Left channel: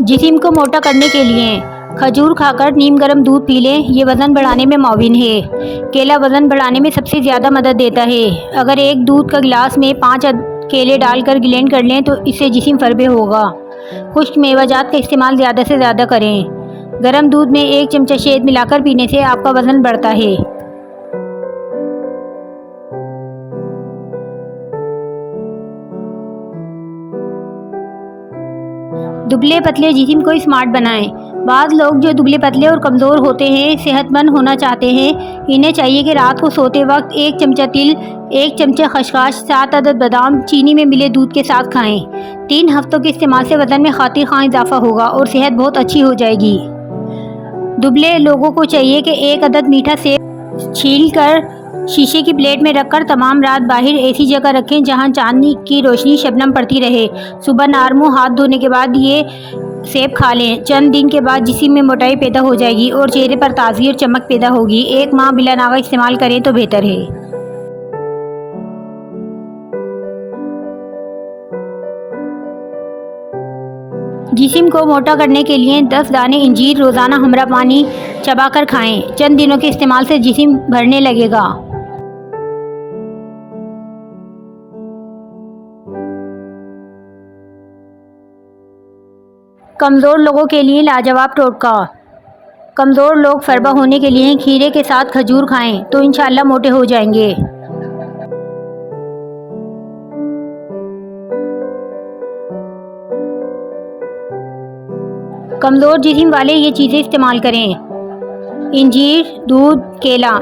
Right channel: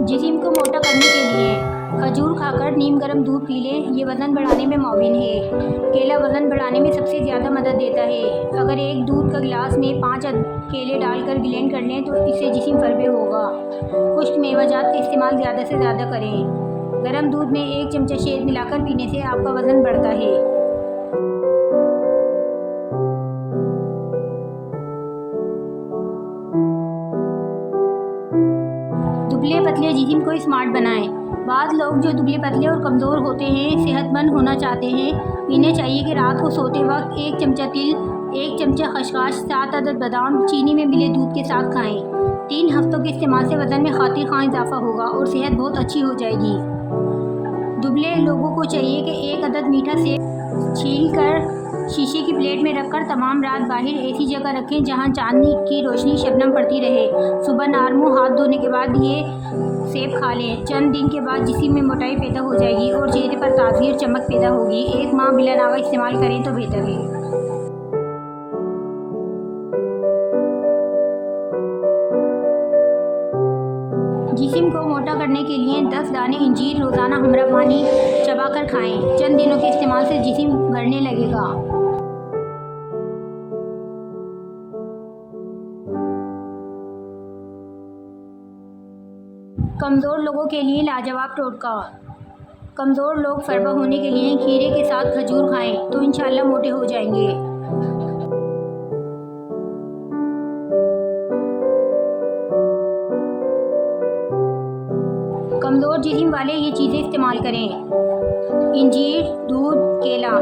जिस्म को मोटा करने के लिए खजूर खाकर नीम गर्म दूध पी लें। ये वज़न बढ़ाने में मुआविन है। केला वज़न बढ़ाने में सबसे ज़्यादा मदद देता है। अगर एक दूध का गिलास में 5 केले डालकर ग्लेंड कर लें तो इससे जिस्म फरबे होगा। खुश्क मेवाजात का इस्तेमाल ज़्यादा से ज़्यादा करें। गर्म दूध में 1 चमचा शहद मिलाकर पीने से आपका वज़न बढ़ता है। दुबले पतले जिस्म को स्मार्ट बनाएं। बाज़ लोग जो दुबले पतले और कमज़ोर होते हैं, सेहतमंद होना चाहते हैं, इन्हें चाहिए कि रात को सोते वक्त 1 चमचा तिल, 1 चमचा खसखस, 7 अदद बादाम चीनी में मिले दूध के साथ खाएं। 3 हफ्तों के इस्तेमाल से वज़न में खातिर खां इजाफा होगा और सेहत बहुत अच्छी हो जाएगी। दुबले लोगों को चाहिए कि 1 अदद मीठा सेब छील कर शीशे की प्लेट में रखकर तमाम रात बाहर ऐसी जगह रखें जहां चांदनी की रोशनी शबनम पड़ती रहे। सुबह नारमुँह हाथ धोने के बाद ये सेब खा लें। चंद दिन के बाद जिस्म में मोटाई पैदा हो जाएगी और चेहरे पर ताज़गी और चमक पैदा होगी। 1 माह बिला नागा इस्तेमाल करें तो बेहतर है। जिस्म को मोटा करने के लिए 10 दाने इंजीर रोज़ाना हमरा पानी चबाकर खाएं। चंद दिनों के इस्तेमाल से जिस्म भरने लगेगा। कमज़ोर लोगों के लिए लाजवाब टोटका। कमज़ोर लोग फरबा होने के लिए खीरे के साथ खजूर खाएं तो इंशाअल्लाह मोटे हो जाएंगे। कमज़ोर जिस्म वाले ये चीज़ें इस्तेमाल करें। इंजीर, दूध, केला।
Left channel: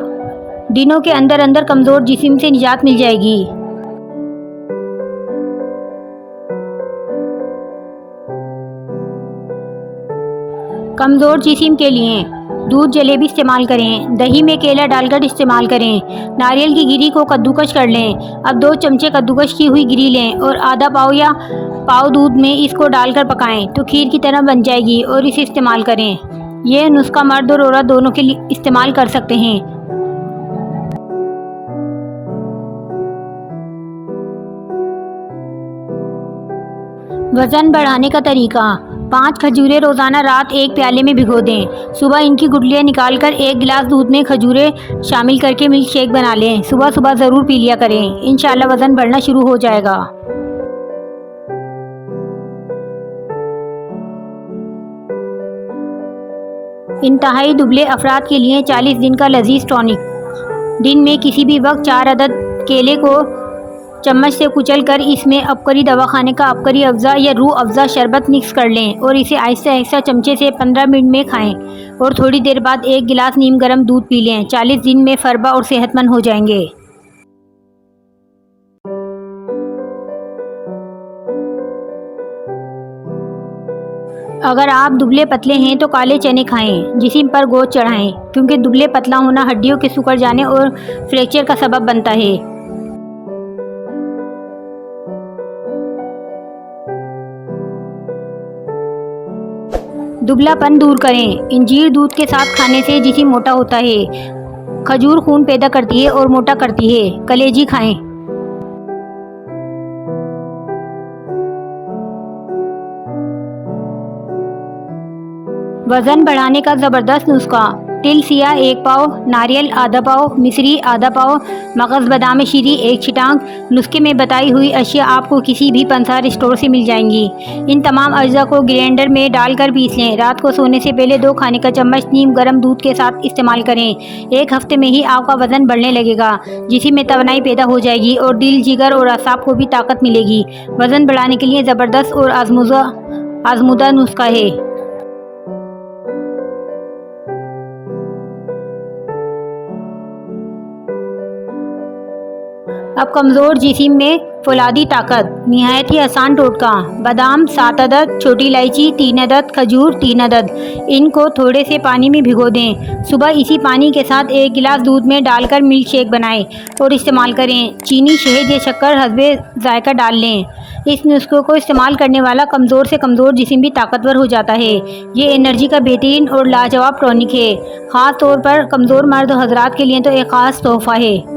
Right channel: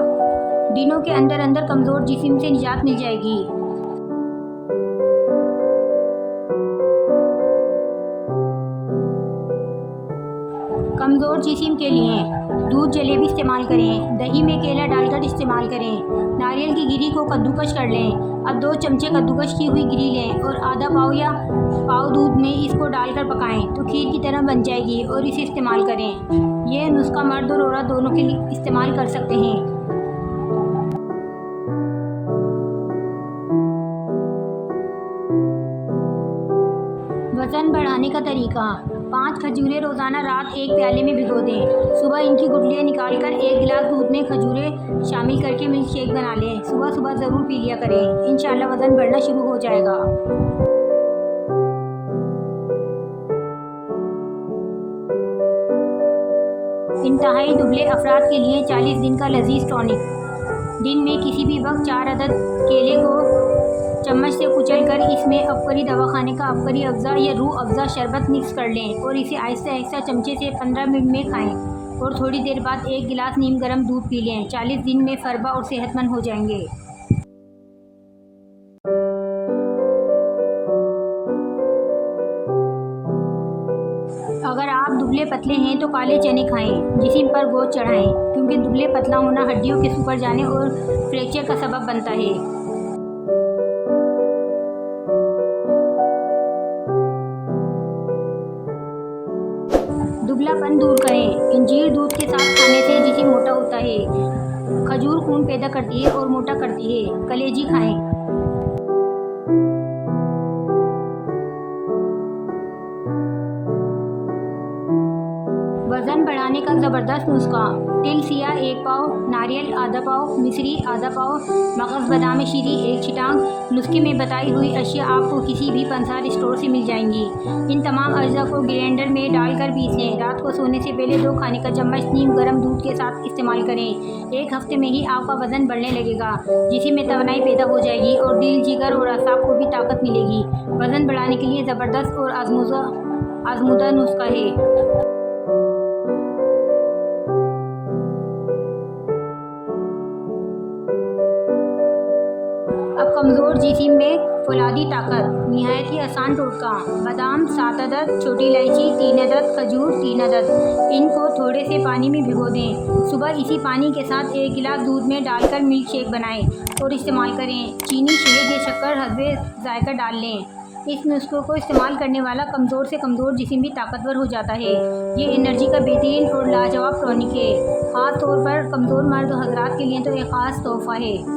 दिनों के अंदर अंदर कमज़ोर जिस्म से निजात मिल जाएगी। कमज़ोर जिस्म के लिए दूध जलेबी इस्तेमाल करें। दही में केला डालकर इस्तेमाल करें। नारियल की गिरी को कद्दूकश कर लें। अब 2 चमचे कद्दूकश की हुई गिरी लें और आधा पाव या पाव दूध में इसको डालकर पकाएं तो खीर की तरह बन जाएगी और इसे इस्तेमाल करें। यह नुस्खा मर्द और औरत दोनों के लिए इस्तेमाल कर सकते हैं। वज़न बढ़ाने का तरीका। 5 खजूरें रोज़ाना रात 1 प्याले में भिगो दें। सुबह इनकी गुठलियाँ निकालकर 1 गिलास दूध में खजूरें शामिल करके मिल्क शेक बना लें। सुबह सुबह ज़रूर पी लिया करें। इंशाअल्लाह वज़न बढ़ना शुरू हो जाएगा। इंतहाई दुबले अफराद के लिए 40 दिन का लजीज टॉनिक। दिन में किसी भी वक्त 4 अदद केले को चम्मच से कुचल कर इसमें अबकरी दवाखाने का अबकरी अफ़ज़ा या रूह अफ़ज़ा शरबत मिक्स कर लें और इसे आहिस्ता आहिस्ता चमचे से 15 मिनट में खाएं और थोड़ी देर बाद 1 गिलास नीम गर्म दूध पी लें। 40 दिन में फरबा और सेहतमंद हो जाएंगे। अगर आप दुबले पतले हैं तो काले चने खाएं। जिस्म पर गोश्त चढ़ाएं क्योंकि दुबले पतला होना हड्डियों के सिकुड़ जाने और फ्रैक्चर का सबब बनता है। दुबलापन दूर करें। इंजीर दूध के साथ खाने से जिस्म मोटा होता है। खजूर खून पैदा करती है और मोटा करती है। कलेजी खाएं। वज़न बढ़ाने का ज़बरदस्त नुस्खा। तिल सिया 1 पाव, नारियल आधा पाव, मिश्री आधा पाव, मगज़ बादाम शीरी 1 छिटांग। नुस्खे में बताई हुई अशिया आपको किसी भी पंसार स्टोर से मिल जाएंगी। इन तमाम अज्जा को ग्राइंडर में डालकर पीस लें। रात को सोने से पहले 2 खाने का चम्मच नीम गर्म दूध के साथ इस्तेमाल करें। 1 हफ्ते में ही आपका वज़न बढ़ने लगेगा। जिस्म में तवानाई पैदा हो जाएगी और दिल, जिगर और असाब को भी ताकत मिलेगी। वज़न बढ़ाने के लिए ज़बरदस्त और आजमुदा नुस्खा है। अब कमज़ोर जिस्म में फौलादी ताकत। निहायत ही आसान टोटका। बादाम 7 अदद, छोटी इलायची 3 अदद, खजूर 3 अदद। इनको थोड़े से पानी में भिगो दें। सुबह इसी पानी के साथ 1 गिलास दूध में डालकर मिल्क शेक बनाएं और इस्तेमाल करें। चीनी, शहद या शक्कर हस्बे जायका डाल लें। इस नुस्खे को इस्तेमाल करने वाला कमज़ोर से कमज़ोर जिस्म भी ताकतवर हो जाता है। ये एनर्जी का बेहतरीन और लाजवाब टॉनिक है। ख़ास तौर पर कमज़ोर मर्द हजरात के लिए तो एक ख़ास तोहफ़ा है।